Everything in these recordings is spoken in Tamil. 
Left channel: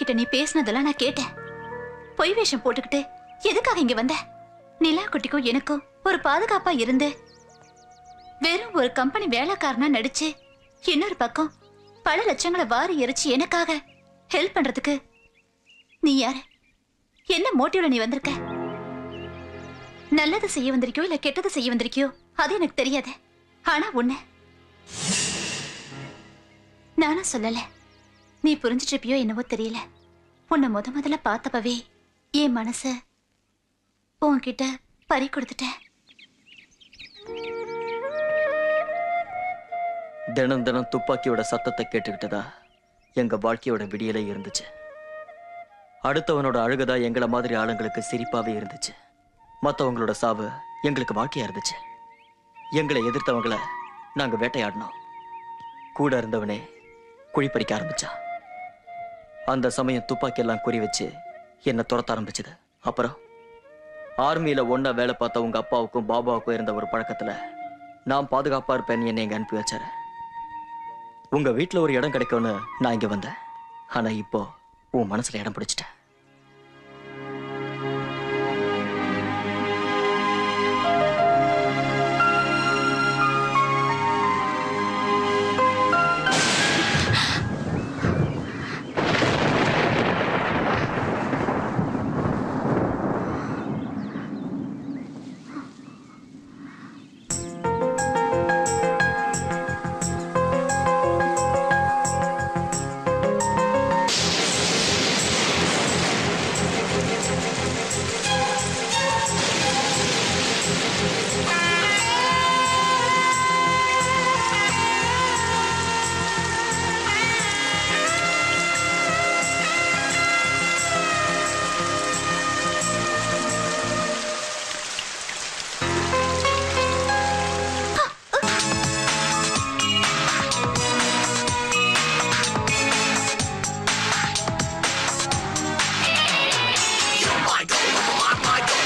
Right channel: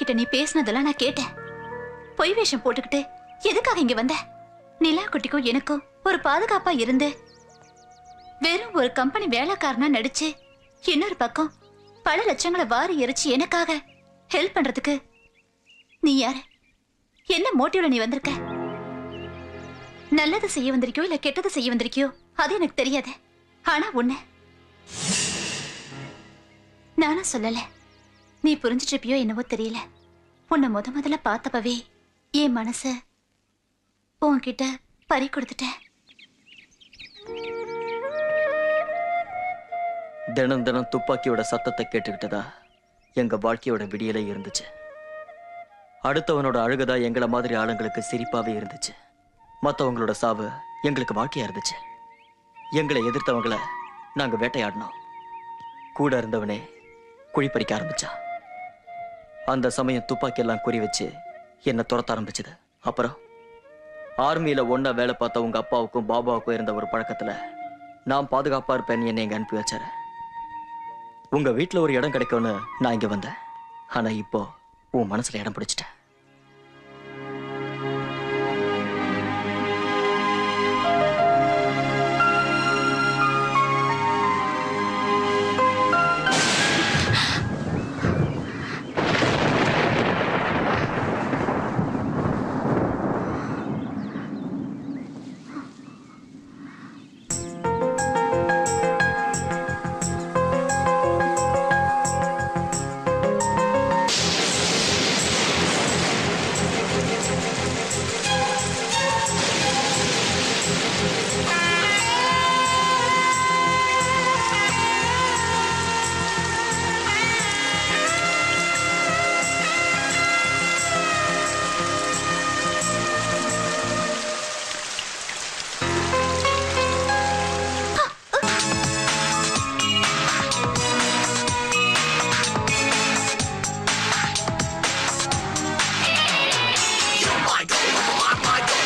கிட்ட நீ பேசினதெல்லாம் நான் கேட்டேன். பொய் வேஷம் போட்டுக்கிட்டு எதுக்காக இங்க வந்த? நிலா குட்டிக்கும் எனக்கும் ஒரு பாதுகாப்பா இருந்து வெறும் ஒரு கம்பெனி வேலைக்காரனா நடிச்சு இன்னொரு பக்கம் பல லட்சங்களை வாரி எரிச்சு எனக்காக ஹெல்ப் பண்றதுக்கு நீ யாரு? என்ன மோட்டிவ்ல நீ வந்திருக்க? நல்லது செய்ய வந்திருக்கியோ இல்ல கெட்டது செய்ய வந்திருக்கியோ அது எனக்கு தெரியாது. ஆனா ஒண்ணு நானும் சொல்லல, நீ புரிஞ்சிட்டு இருப்பியோ என்னவோ தெரியல. உன்னை முதல்ல பார்த்தப்பவே என் மனச உன்கிட்ட பறி கொடுத்துட்டேன். தினம் தினம் துப்பாக்கியோட சத்தத்தை கேட்டுக்கிட்டதா எங்க வாழ்க்கையோட விடியலே இருந்துச்சு. அடுத்தவனோட அழுகதா எங்களை மாதிரி ஆளுங்களுக்கு சிரிப்பாவே இருந்துச்சு. மற்றவங்களோட சாவு எங்களுக்கு வாழ்க்கையா இருந்துச்சு. எங்களை எதிர்த்தவங்களை நாங்க வேட்டையாடினோம். கூட இருந்தவனே குழிப்பறிக்க ஆரம்பிச்சான். அந்த சமயம் துப்பாக்கி எல்லாம் குறி வச்சு என்ன துரத்த ஆரம்பிச்சது. அப்புறம் ஆர்மியில ஒன்னா வேலை பார்த்த உங்க அப்பாவுக்கும் பாபாவுக்கும் இருந்த ஒரு பழக்கத்துல நான் பாதுகாப்பா இருப்பேன் என்னை எங்க அனுப்பி வச்சாரு. உங்க வீட்டுல ஒரு இடம் கிடைக்கும்னு நான் இங்க வந்தேன். ஆனா இப்போ உன் மனசுல இடம் பிடிச்சிட்டேன்.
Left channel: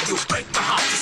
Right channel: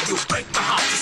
You break the heart.